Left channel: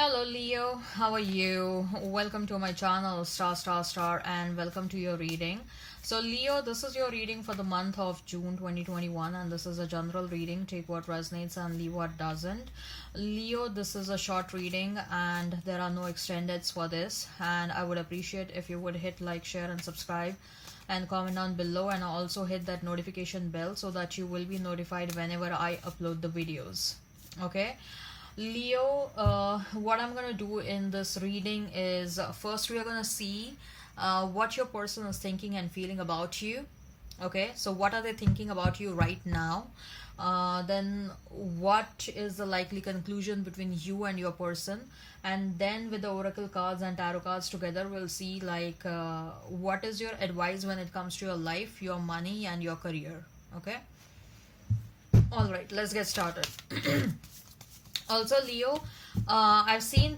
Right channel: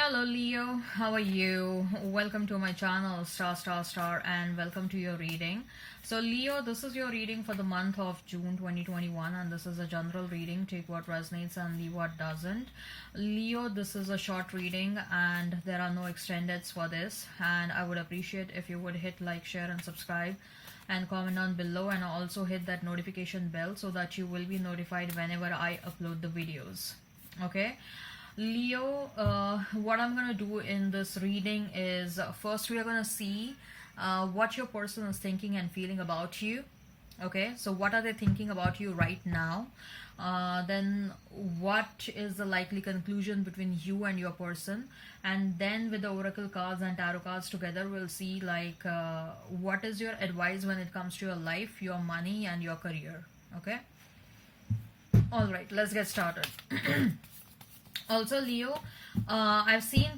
Hello Leo, how are you? Welcome to my channel star and welcome to your reading. So Leo, this is your reading for the month of June 2021 and this is a general reading. Take what resonates and leave what doesn't. Leo, this is a short reading and there are no extendeds for this, and I would appreciate if you would hit like, share and subscribe and comment down below, and also hit that notification bell so that you will be notified whenever I upload the videos. Okay. Leo, what I'm going to do in this reading is first we are going to see what your person is thinking and feeling about you. Okay, so what are they thinking about you right now? Then what is the likely conclusion between you and your person? And then with the oracle cards and tarot cards together, we'll see like what is your advice when it comes to your life, your money and your career. Okay. All right, let's get started. Also, Leo, I've seen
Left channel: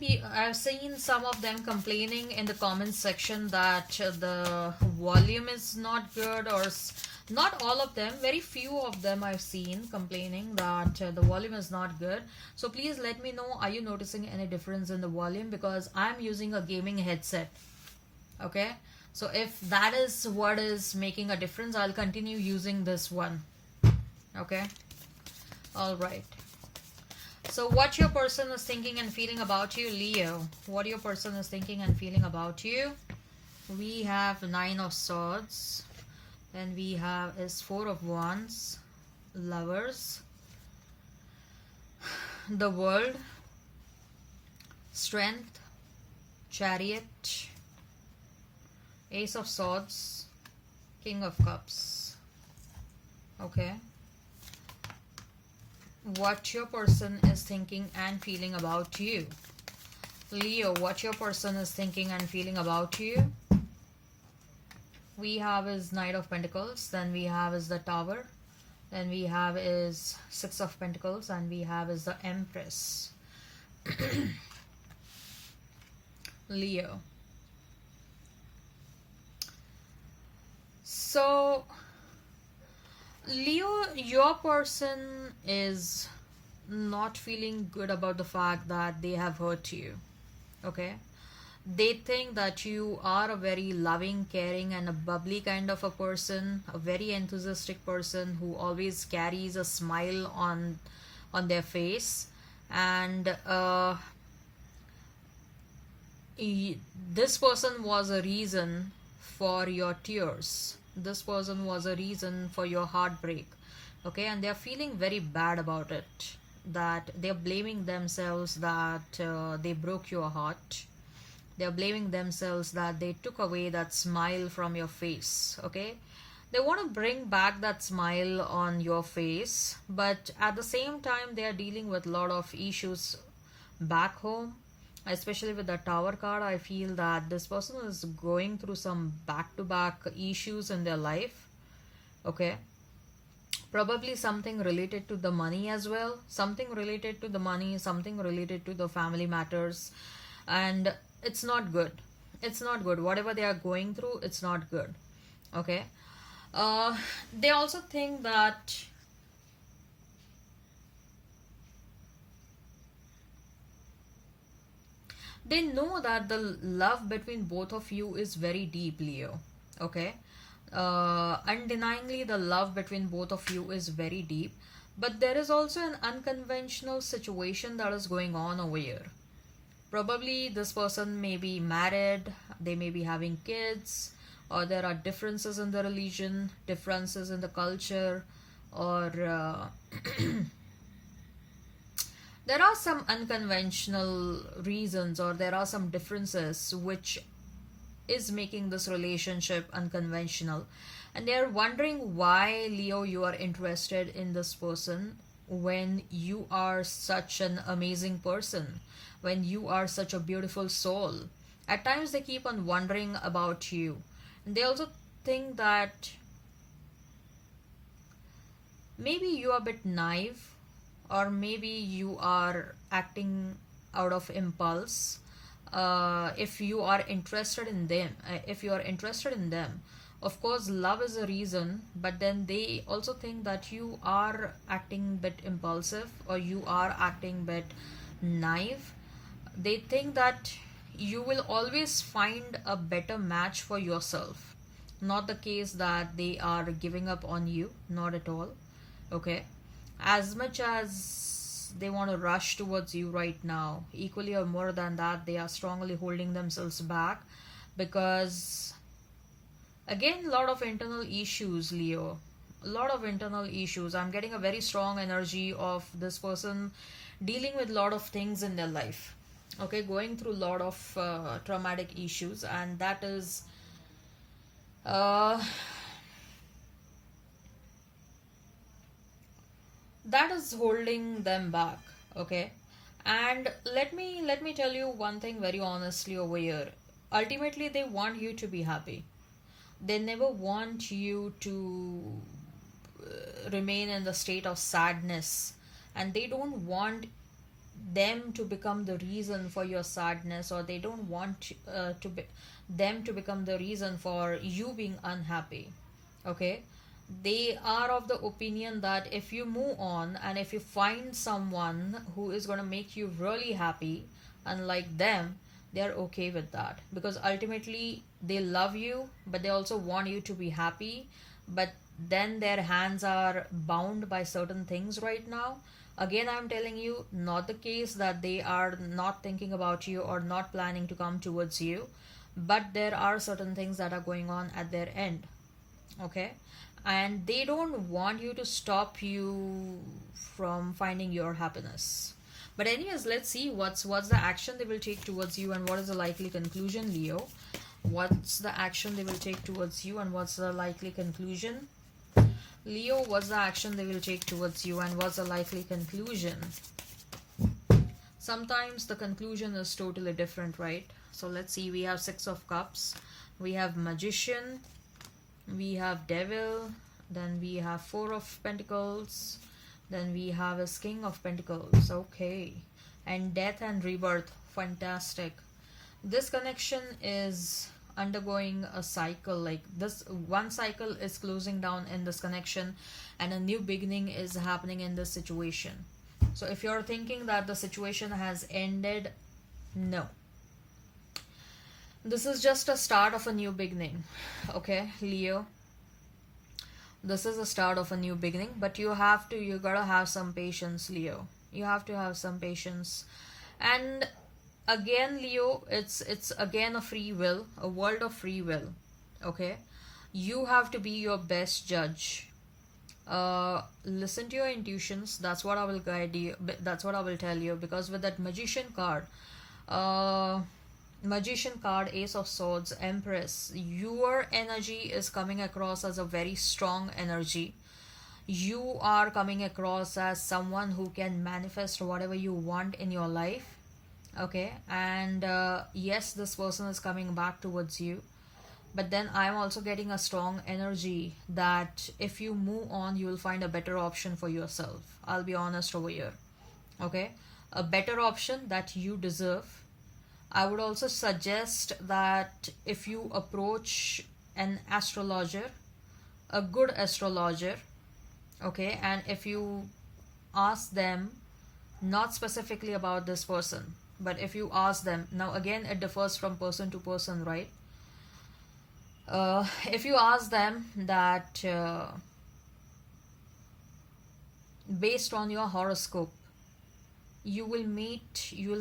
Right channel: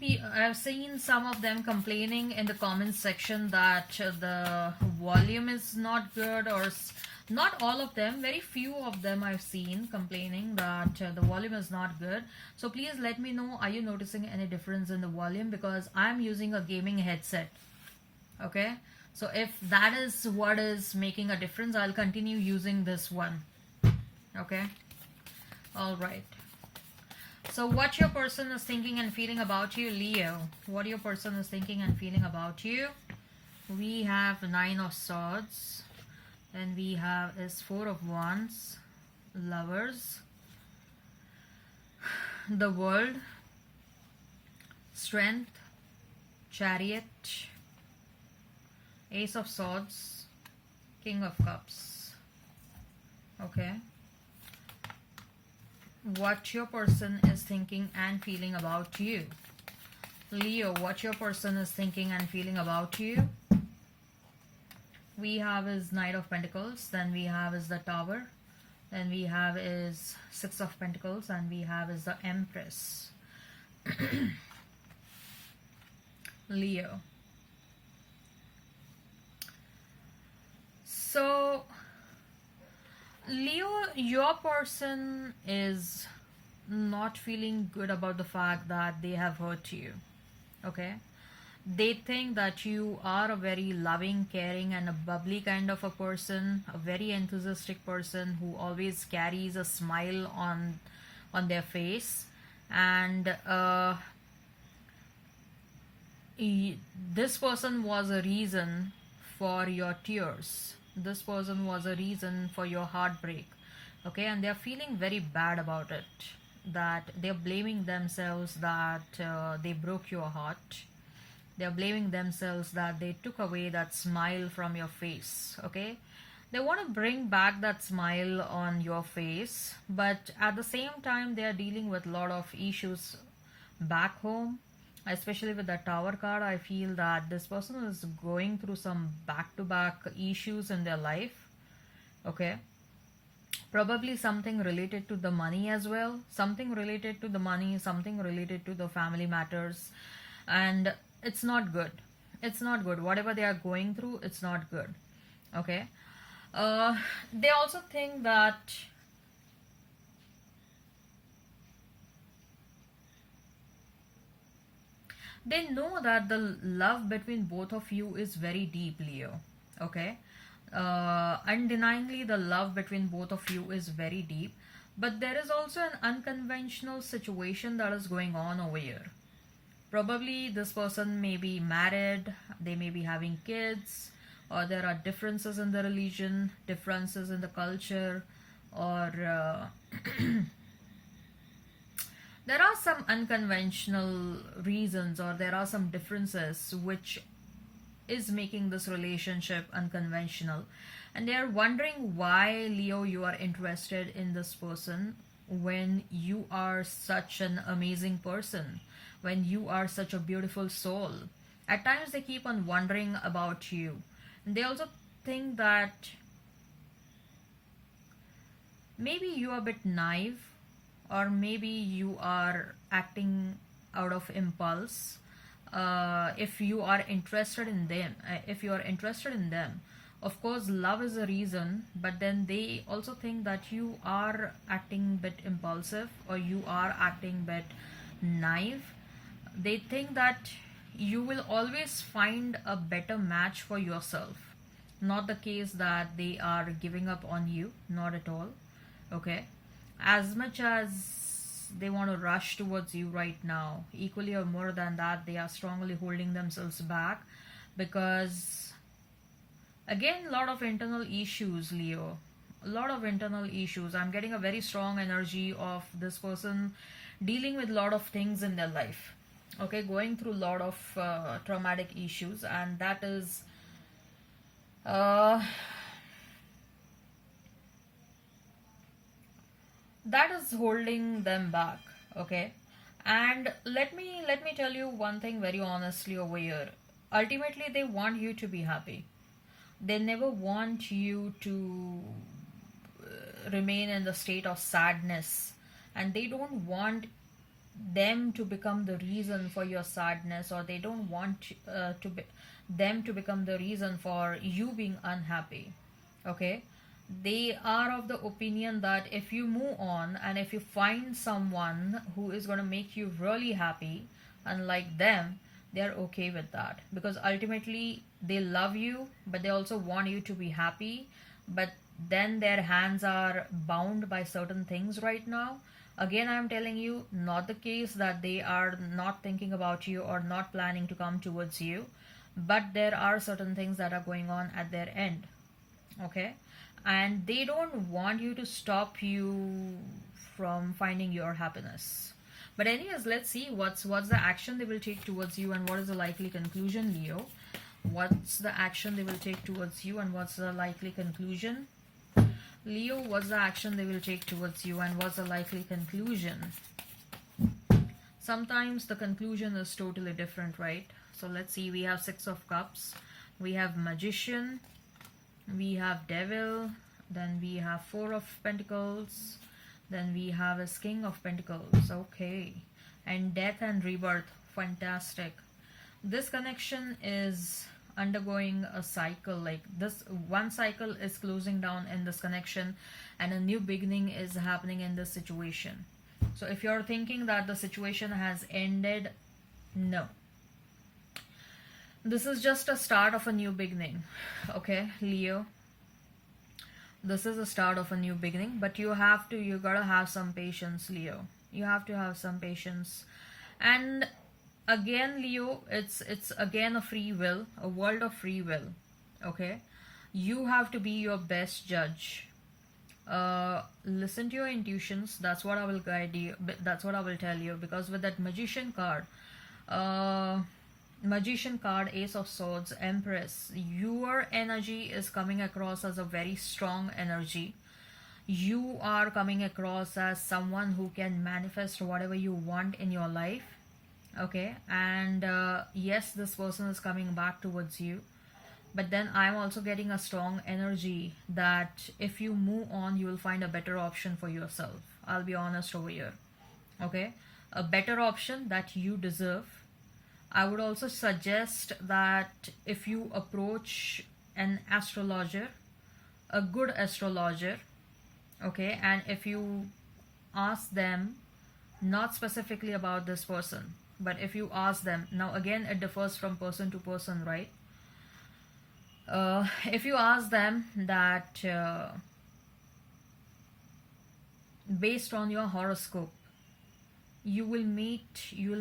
some of them complaining in the comments section that the volume is not good, or not all of them, very few of them I've seen complaining that the volume is not good. So please let me know, are you noticing any difference in the volume, because I'm using a gaming headset. Okay, so if that is what is making a difference, I'll continue using this one. Okay, all right. So what your person is thinking and feeling about you, Leo. What your person is thinking and feeling about you. We have 9 of Swords. Then we have is 4 of Wands. Lovers. The World. Strength. Chariot. Ace of Swords. King of Cups. Okay. What your person is thinking and feeling about you. Leo, what your person is thinking and feeling about you. We have is Knight of Pentacles, then we have is the Tower, then we have is 6 of Pentacles, and we have is the Empress. Leo. So Leo, your person is not feeling good about the fact that they have hurt you. Okay, they think that you are a very loving, caring and a bubbly kind of a person, a very enthusiastic person who always carries a smile on their face, and this person was a reason for your tears. This person was a reason for your heartbreak. Okay, and they're feeling very bad about it, that they're blaming themselves that they broke your heart. They're blaming themselves that they took away that smile from your face. Okay, they want to bring back that smile on your face, but at the same time they are dealing with a lot of issues back home. Especially with the Tower card, I feel that this person is going through some back-to-back issues in their life. Okay, probably something related to the money as well, something related to the money, something related to the family matters, and it's not good. It's not good. Whatever they are going through, it's not good. Okay, they also think that they know that the love between both of you is very deep, Leo. Okay, undeniably the love between both of you is very deep, but there is also an unconventional situation that is going on over here. Probably this person may be married, they may be having kids, or there are differences in the religion, differences in the culture, or there are some unconventional reasons, or there are some differences which is making this relationship unconventional, and they are wondering why, Leo, you are interested in this person when you are such an amazing person, when you are such a beautiful soul. At times they keep on wondering about you, and they also think that maybe you are a bit naive, or maybe you are acting out of impulse. If you are interested in them, of course love is a reason, but then they also think that you are acting a bit impulsive, or you are acting a bit naive. They think that you will always find a better match for yourself. Not the case that they are giving up on you, not at all. Okay, as much as they want to rush towards you right now, equally or more than that, they are strongly holding themselves back because, again, a lot of internal issues, Leo. A lot of internal issues. I'm getting a very strong energy of this person dealing with a lot of things in their life. Okay, going through a lot of traumatic issues, and uh, that is holding them back. Okay, and let me tell you one thing very honestly over here. Ultimately, they want you to be happy. They never want you to remain in the state of sadness, and they don't want them to become the reason for your sadness, or they don't want them to become the reason for you being unhappy. Okay, they are of the opinion that if you move on and if you find someone who is going to make you really happy, unlike them, they're okay with that because ultimately they love you, but they also want you to be happy. But then their hands are bound by certain things right now. Again, I'm telling you, not the case that they are not thinking about you or not planning to come towards you, but there are certain things that are going on at their end. Okay, and they don't want you to stop you from finding your happiness. But anyways, let's see what's the action they will take towards you, and what is the likely conclusion, Leo. What's the action they will take towards you, and what's the likely conclusion? Leo, what's the action they will take towards you, and what's the likely conclusion? Sometimes the conclusion is totally different, right? So let's see. We have Six of Cups, we have Magician, we have Devil, then we have Four of Pentacles, then we have a King of Pentacles. Okay, and Death and Rebirth. Fantastic. This connection is undergoing a cycle. Like, this one cycle is closing down in this connection, and a new beginning is happening in this situation. So if you're thinking that the situation has ended, no, this is just a start of a new beginning. Okay, Leo, this is a start of a new beginning, but you gotta have some patience, Leo. You have to have some patience. And again, Leo, it's again a free will, a world of free will. Okay, you have to be your best judge. Listen to your intuitions. That's what I will guide you. That's what I will tell you, because with that uh magician card, Ace of Swords, Empress, your energy is coming across as a very strong energy. You are coming across as someone who can manifest whatever you want in your life. Okay, and yes, this person is coming back towards you, but then I'm also getting a strong energy that if you move on, you will find a better option for yourself. I'll be honest over here. Okay, a better option that you deserve. I would also suggest that if you approach an astrologer, a good astrologer, okay, and if you ask them, not specifically about this person, but if you ask them, now again, it differs from person to person, right? If you ask them that based on your horoscope, you will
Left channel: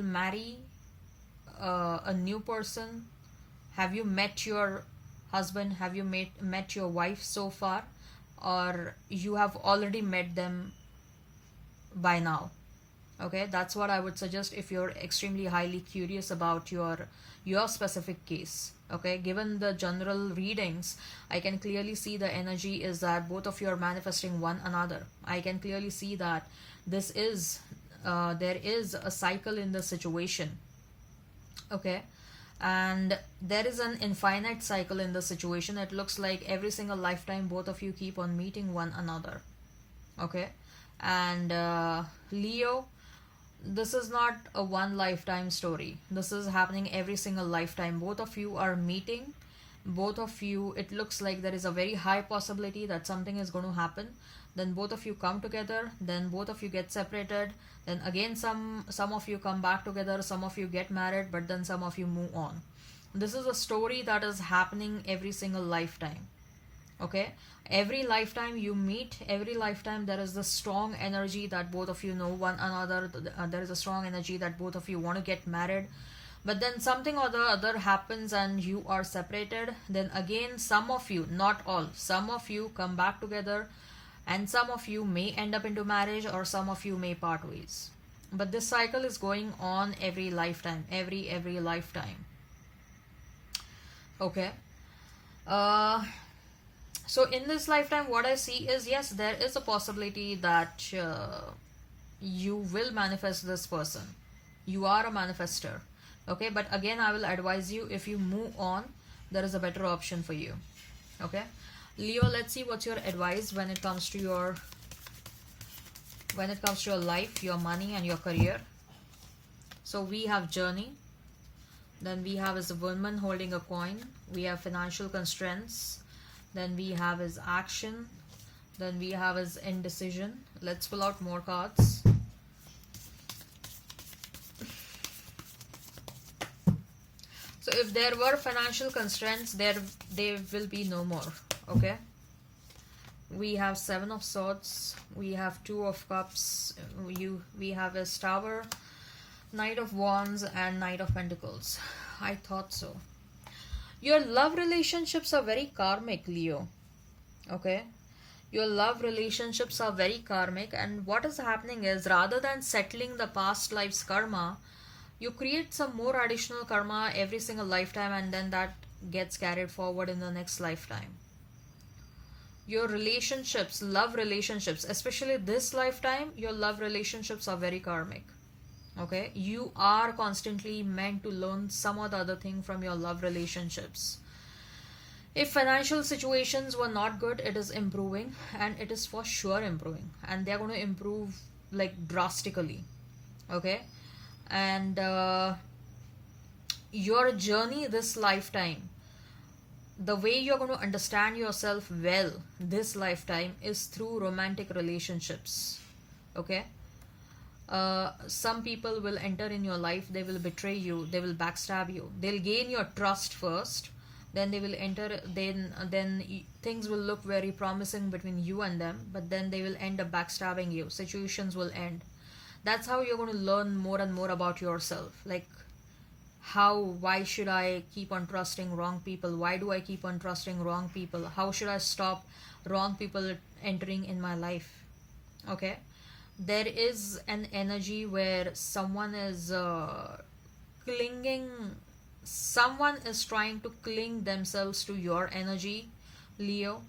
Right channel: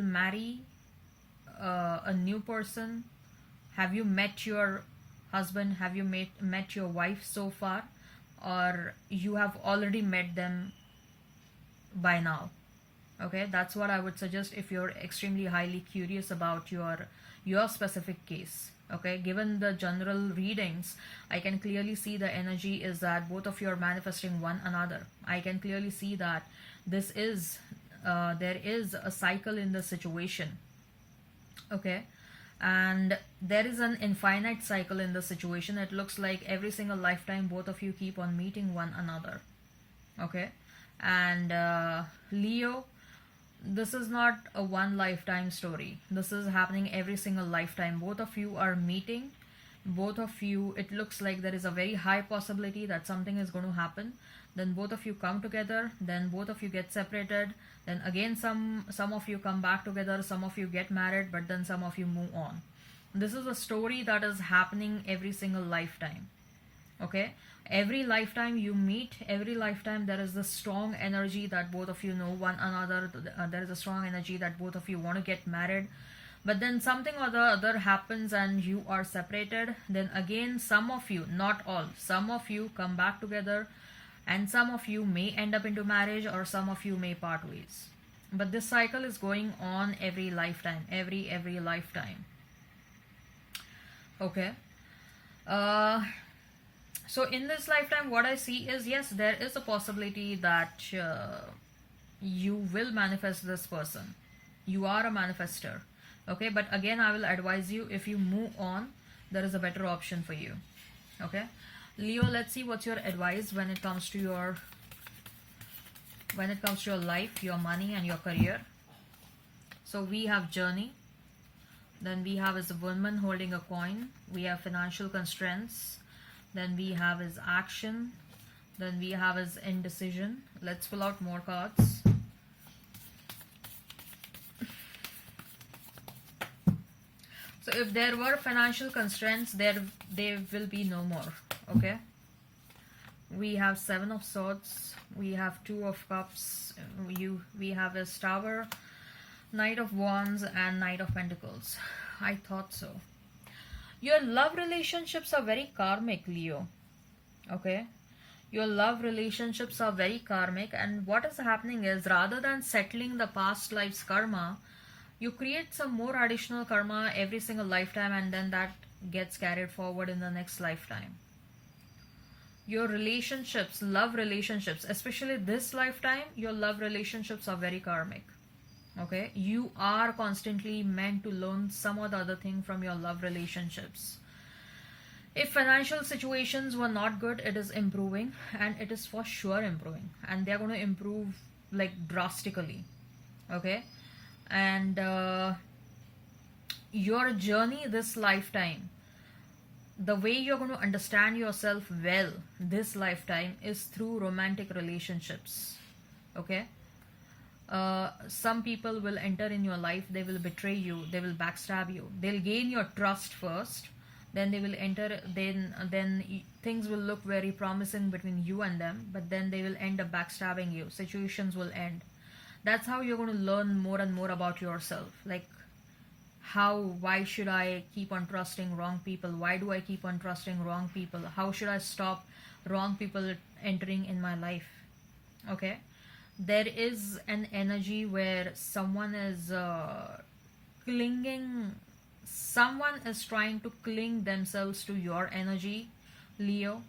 marry a new person. Have you met your husband? Have you met your wife so far? Or you have already met them by now? Okay, that's what I would suggest if you're extremely highly curious about your specific case. Okay, given the general readings, I can clearly see the energy is that both of you are manifesting one another. I can clearly see that this is there is a cycle in the situation. Okay, and there is an infinite cycle in the situation. It looks like every single lifetime both of you keep on meeting one another. Okay, and Leo, this is not a one lifetime story. This is happening every single lifetime. Both of you are meeting. Both of you, it looks like there is a very high possibility that something is going to happen. Then both of you come together. Then both of you get separated. Then again, some of you come back together, some of you get married, but then some of you move on. This is a story that is happening every single lifetime. Okay, every lifetime you meet, every lifetime there is this strong energy that both of you know one another. There is a strong energy that both of you want to get married, but then something or the other happens and you are separated. Then again, some of you, not all, some of you come back together, and some of you may end up into marriage, or some of you may part ways. But this cycle is going on every lifetime, every lifetime. Okay. So in this lifetime, what I see is, yes, there is a possibility that you will manifest this person. You are a manifester. Okay, but again, I will advise you, if you move on, there is a better option for you. Okay, Leo, let's see what's your advice when it comes to your life, your money, and your career. So we have journey. Then we have is a woman holding a coin. We have financial constraints. Then we have is action. Then we have is indecision. Let's pull out more cards. So if there were financial constraints, there will be no more. Okay. We have Seven of Swords. We have Two of Cups. We have a Tower, Knight of Wands, and Knight of Pentacles. I thought so. Your love relationships are very karmic, Leo. Okay. Your love relationships are very karmic, and what is happening is, rather than settling the past life's karma, you create some more additional karma every single lifetime, and then that gets carried forward in the next lifetime. Your relationships, love relationships, especially this lifetime, your love relationships are very karmic. Okay, you are constantly meant to learn some or the other thing from your love relationships. If financial situations were not good, it is improving, and it is for sure improving, and they're going to improve like drastically. Okay, and your journey this lifetime, the way you're going to understand yourself well this lifetime is through romantic relationships. Okay. Some people will enter in your life, they will betray you, they will backstab you, they'll gain your trust first, then they will enter, then things will look very promising between you and them, but then they will end up backstabbing you, situations will end. That's how you're going to learn more and more about yourself, like why should I keep on trusting wrong people, why do I keep on trusting wrong people, how should I stop wrong people entering in my life. Okay, there is an energy where someone is someone is trying to cling themselves to your energy, Leo.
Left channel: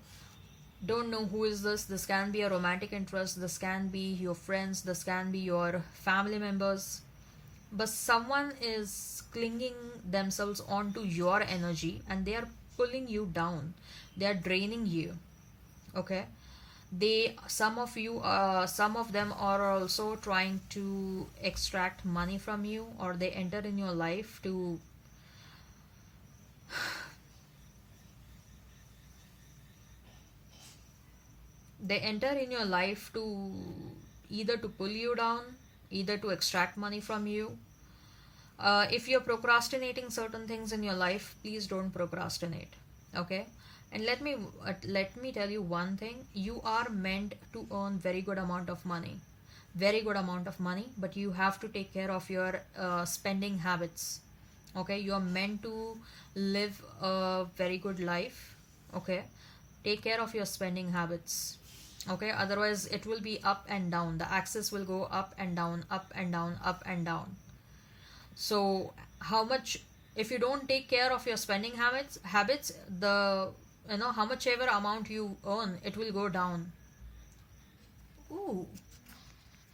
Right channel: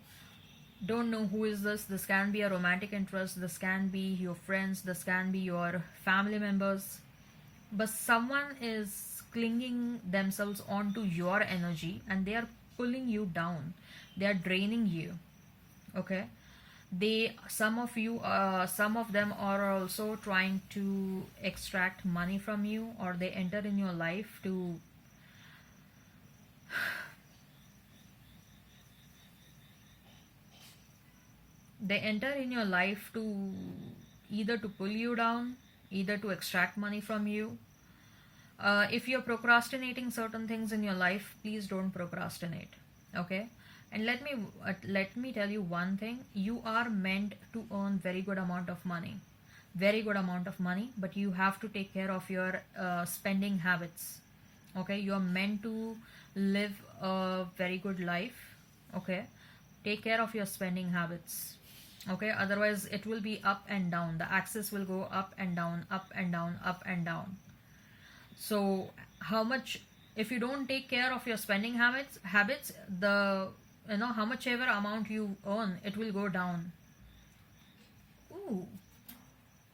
Don't know who is this. This can be a romantic interest, this can be your friends, this can be your family members, but someone is clinging themselves onto your energy, and they are pulling you down, they are draining you. Okay, some of them are also trying to extract money from you, or they enter in your life to either to pull you down, either to extract money from you. If you're procrastinating certain things in your life, please don't procrastinate. Okay, and let me tell you one thing. You are meant to earn very good amount of money, but you have to take care of your spending habits. Okay, you are meant to live a very good life. Okay, take care of your spending habits. Okay, otherwise it will be up and down, the axis will go up and down, up and down, up and down. So if you don't take care of your spending habits, how much ever amount you earn, it will go down. Ooh,